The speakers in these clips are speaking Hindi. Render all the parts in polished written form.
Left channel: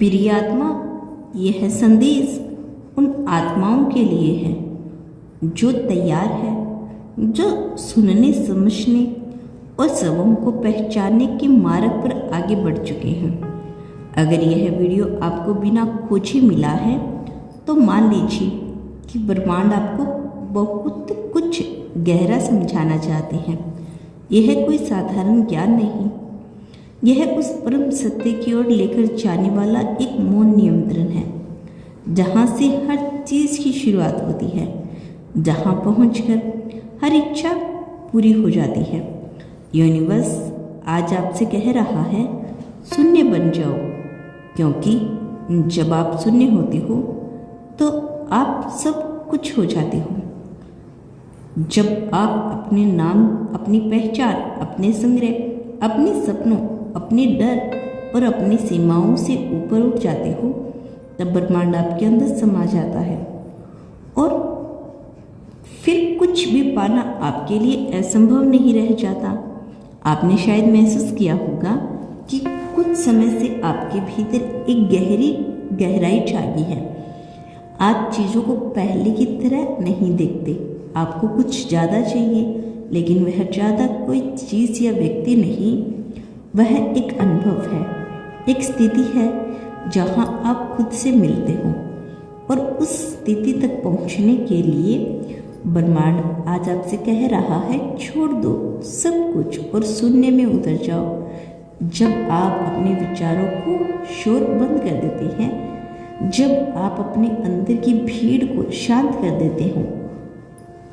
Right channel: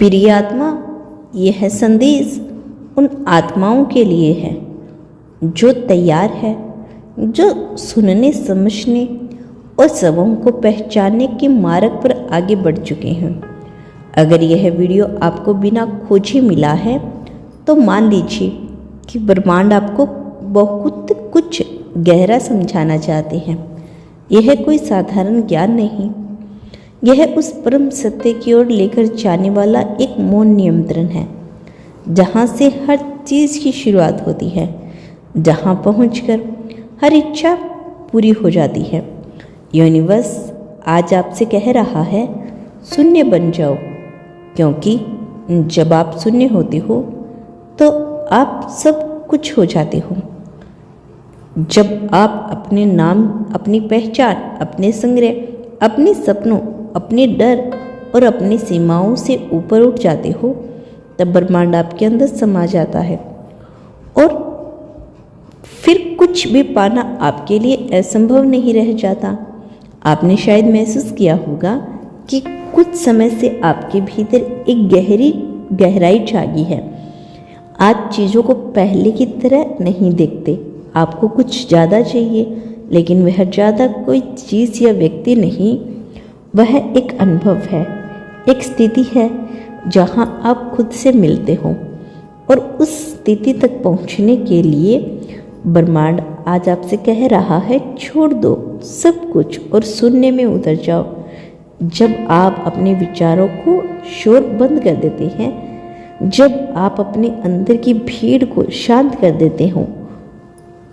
प्रिय आत्मा, यह संदेश उन आत्माओं के लिए है जो तैयार है, जो सुनने, समझने और सबों को पहचानने के मार्ग पर आगे बढ़ चुके हैं। अगर यह वीडियो आपको बिना खोजे मिला है तो मान लीजिए कि ब्रह्मांड आपको बहुत कुछ गहरा समझाना चाहते हैं। यह कोई साधारण ज्ञान नहीं, यह उस परम सत्य की ओर लेकर जाने वाला एक मौन नियंत्रण है, जहाँ से हर चीज़ की शुरुआत होती है, जहाँ पहुंचकर हर इच्छा पूरी हो जाती है। यूनिवर्स आज आपसे कह रहा है, शून्य बन जाओ, क्योंकि जब आप शून्य होते हो तो आप सब कुछ हो जाते हो। जब आप अपने नाम, अपनी पहचान, अपने संग्रह, अपने सपनों, अपने डर और अपनी सीमाओं से ऊपर उठ जाते हो, तब ब्रह्मांड आपके अंदर समा जाता है और फिर कुछ भी पाना आपके लिए असंभव नहीं रह जाता। आपने शायद महसूस किया होगा कि कुछ समय से आपके भीतर एक गहराई जागी है। आप चीज़ों को पहले की तरह नहीं देखते। आपको कुछ ज़्यादा चाहिए, लेकिन वह ज़्यादा कोई चीज़ या व्यक्ति नहीं, वह एक अनुभव है, एक स्थिति है जहाँ आप खुद से मिलते हो। और उस स्थिति तक पहुँचने के लिए ब्रह्मांड आज आपसे कह रहा है, छोड़ दो सब कुछ और शून्य में उतर जाओ। जब आप अपने विचारों को शोर बंद कर देते हैं, जब आप अपने अंदर की भीड़ को शांत कर देते हो,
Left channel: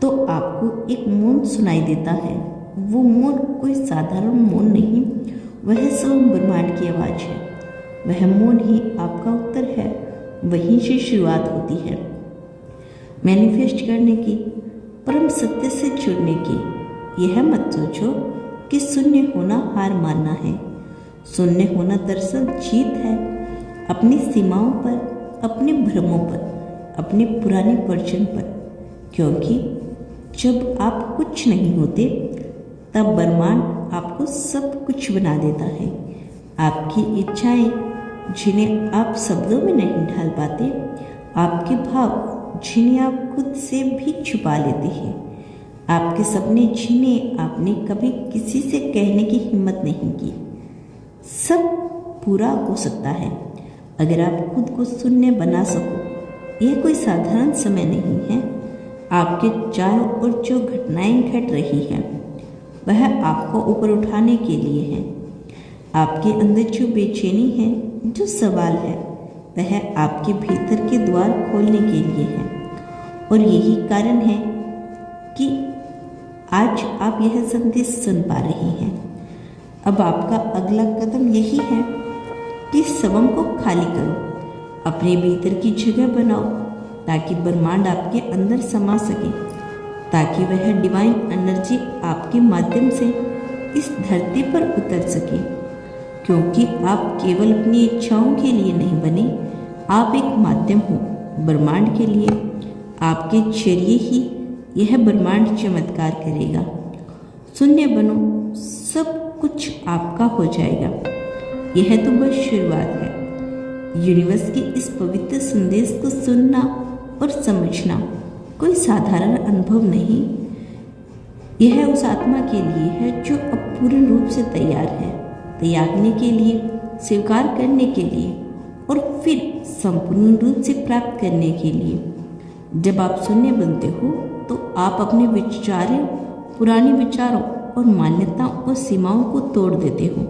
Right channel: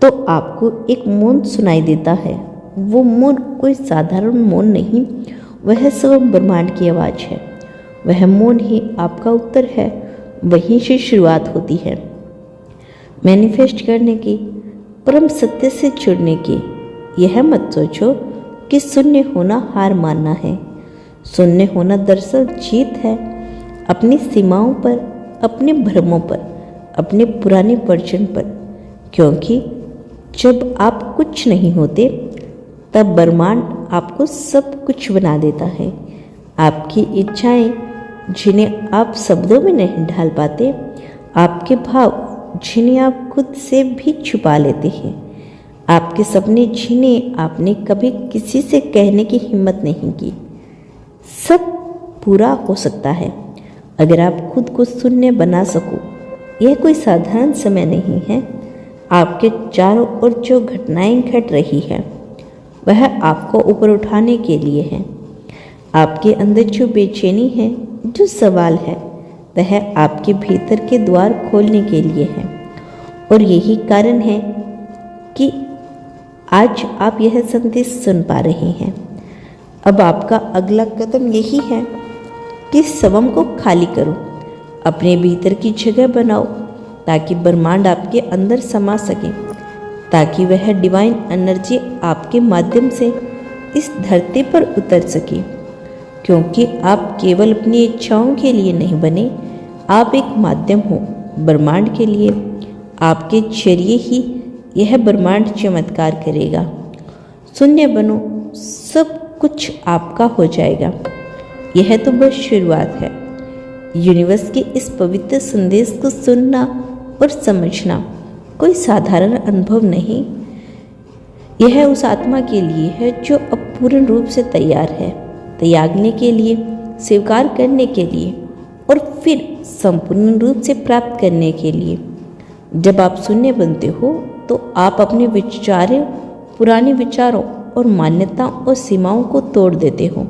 तो आपको एक मौन सुनाई देता है। वो मौन कोई साधारण मौन नहीं, वह स्वयं ब्रह्मांड की आवाज़ है। वह मौन ही आपका उत्तर है, वहीं से शुरुआत होती है मैनिफेस्ट करने की, परम सत्य से जुड़ने की। यह मत सोचो कि शून्य होना हार मानना है। शून्य होना दरअसल जीत है, अपनी सीमाओं पर, अपने भ्रमों पर, अपने पुराने वर्जन पर। क्योंकि जब आप कुछ नहीं होते, तब ब्रह्मांड आपको सब कुछ बना देता है। आपकी इच्छाएं, जिन्हें आप शब्दों में नहीं ढाल पाते, आपके भाव, जिन्हें आप खुद से भी छुपा लेते हैं, आपके सपने, जिन्हें आपने कभी किसी से कहने की हिम्मत नहीं की, सब पूरा हो सकता है अगर आप खुद को शून्य बना सको। यह कोई साधारण समय नहीं है। आपके चारों ओर जो घटनाएं घट रही हैं, वह आपको ऊपर उठाने के लिए है। आपके अंदर जो बेचैनी है, जो सवाल है, वह आपके भीतर के द्वार खोलने के लिए है। और यही कारण है कि आज आप यह संदेश सुन पा रहे हैं। अब आपका अगला कदम यही है कि स्वयं को खाली करो, अपने भीतर की जगह बनाओ, ताकि ब्रह्मांड आपके अंदर समा सके, ताकि वह डिवाइन एनर्जी आपके माध्यम से इस धरती पर उतर सके। क्योंकि आप केवल अपनी इच्छाओं के लिए नहीं बने, आप एक माध्यम हो ब्रह्मांड के लिए। आपके जरिए ही यह ब्रह्मांड चमत्कार करेगा। शून्य बनो, सब कुछ आपका हो जाएगा। यह तो बस शुरुआत है। यूनिवर्स के इस पवित्र संदेश को सुनना और समझना कोई साधारण अनुभव नहीं। यह उस आत्मा के लिए है जो अब पूर्ण रूप से तैयार है, त्यागने के लिए, स्वीकार करने के लिए और फिर संपूर्ण रूप से प्राप्त करने के लिए। जब आप शून्य बनते हो तो आप अपने विचारों, पुराने विचारों और मान्यताओं और सीमाओं को तोड़ देते हो।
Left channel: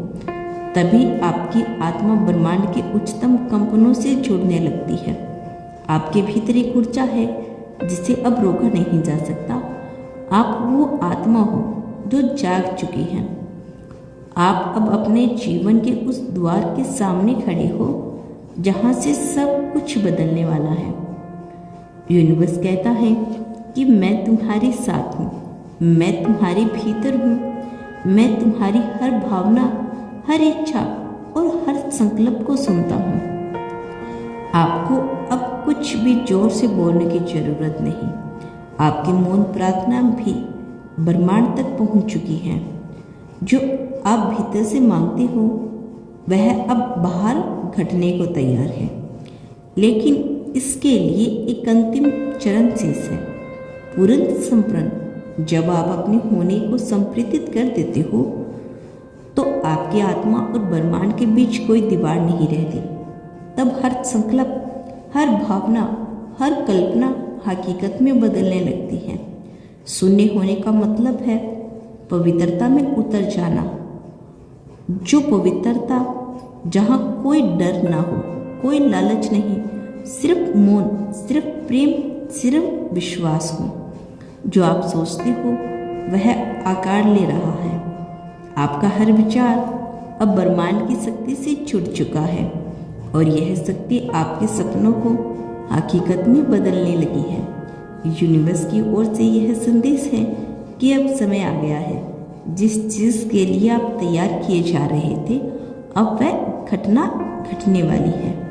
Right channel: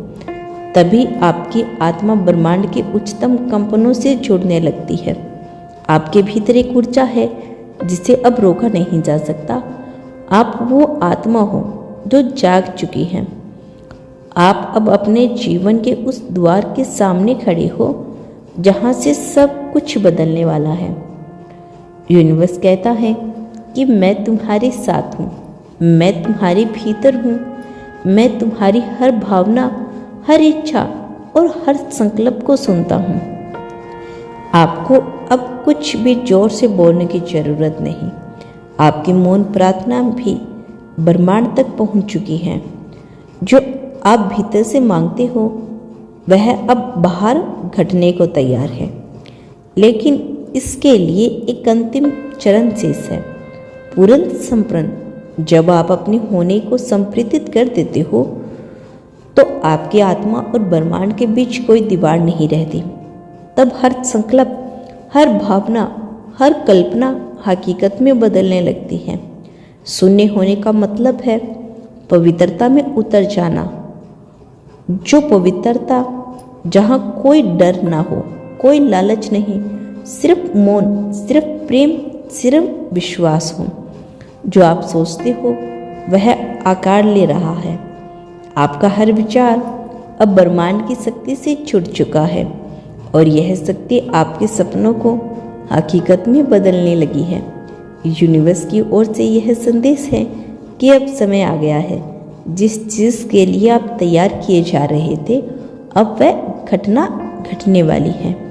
तभी आपकी आत्मा ब्रह्मांड के उच्चतम कंपनों से जुड़ने लगती है। आपके भीतर एक ऊर्जा है जिसे अब रोका नहीं जा सकता। आप वो आत्मा हो जो जाग चुकी है। आप अब अपने जीवन के उस द्वार के सामने खड़े हो जहाँ से सब कुछ बदलने वाला है। यूनिवर्स कहता है कि मैं तुम्हारे साथ हूँ, मैं तुम्हारे भीतर हूँ, मैं तुम्हारी हर भावना, हर इच्छा और हर संकल्प को सुनता हूँ। आपको अब कुछ भी जोर से बोलने की जरूरत नहीं। आपकी मौन प्रार्थना भी ब्रह्मांड तक पहुँच चुकी है। जो आप भीतर से मांगते हो वह अब बाहर घटने को तैयार है, लेकिन इसके लिए एक अंतिम चरण शेष है, पूर्ण संप्रन। जब आप अपने होने को संप्रेषित कर देते हो तो आपकी आत्मा और ब्रह्मांड के बीच कोई दीवार नहीं रहती। तब हर संकल्प, हर भावना, हर कल्पना हकीकत में बदलने लगती है। शून्य होने का मतलब है पवित्रता में उतर जाना। जो पवित्रता जहाँ कोई डर ना हो, कोई लालच नहीं, सिर्फ मौन, सिर्फ प्रेम, सिर्फ विश्वास हो। जो आप सोचते हो वह आकार ले रहा है। आपका हर विचार अब ब्रह्मांड की शक्ति से छूट चुका है और यह शक्ति आपके सपनों को हकीकत में बदलने लगी है। यूनिवर्स की ओर से यह संदेश है कि अब समय आ गया है। जिस चीज़ के लिए आप तैयार किए जा रहे थे, अब वह घटना घटने वाली है।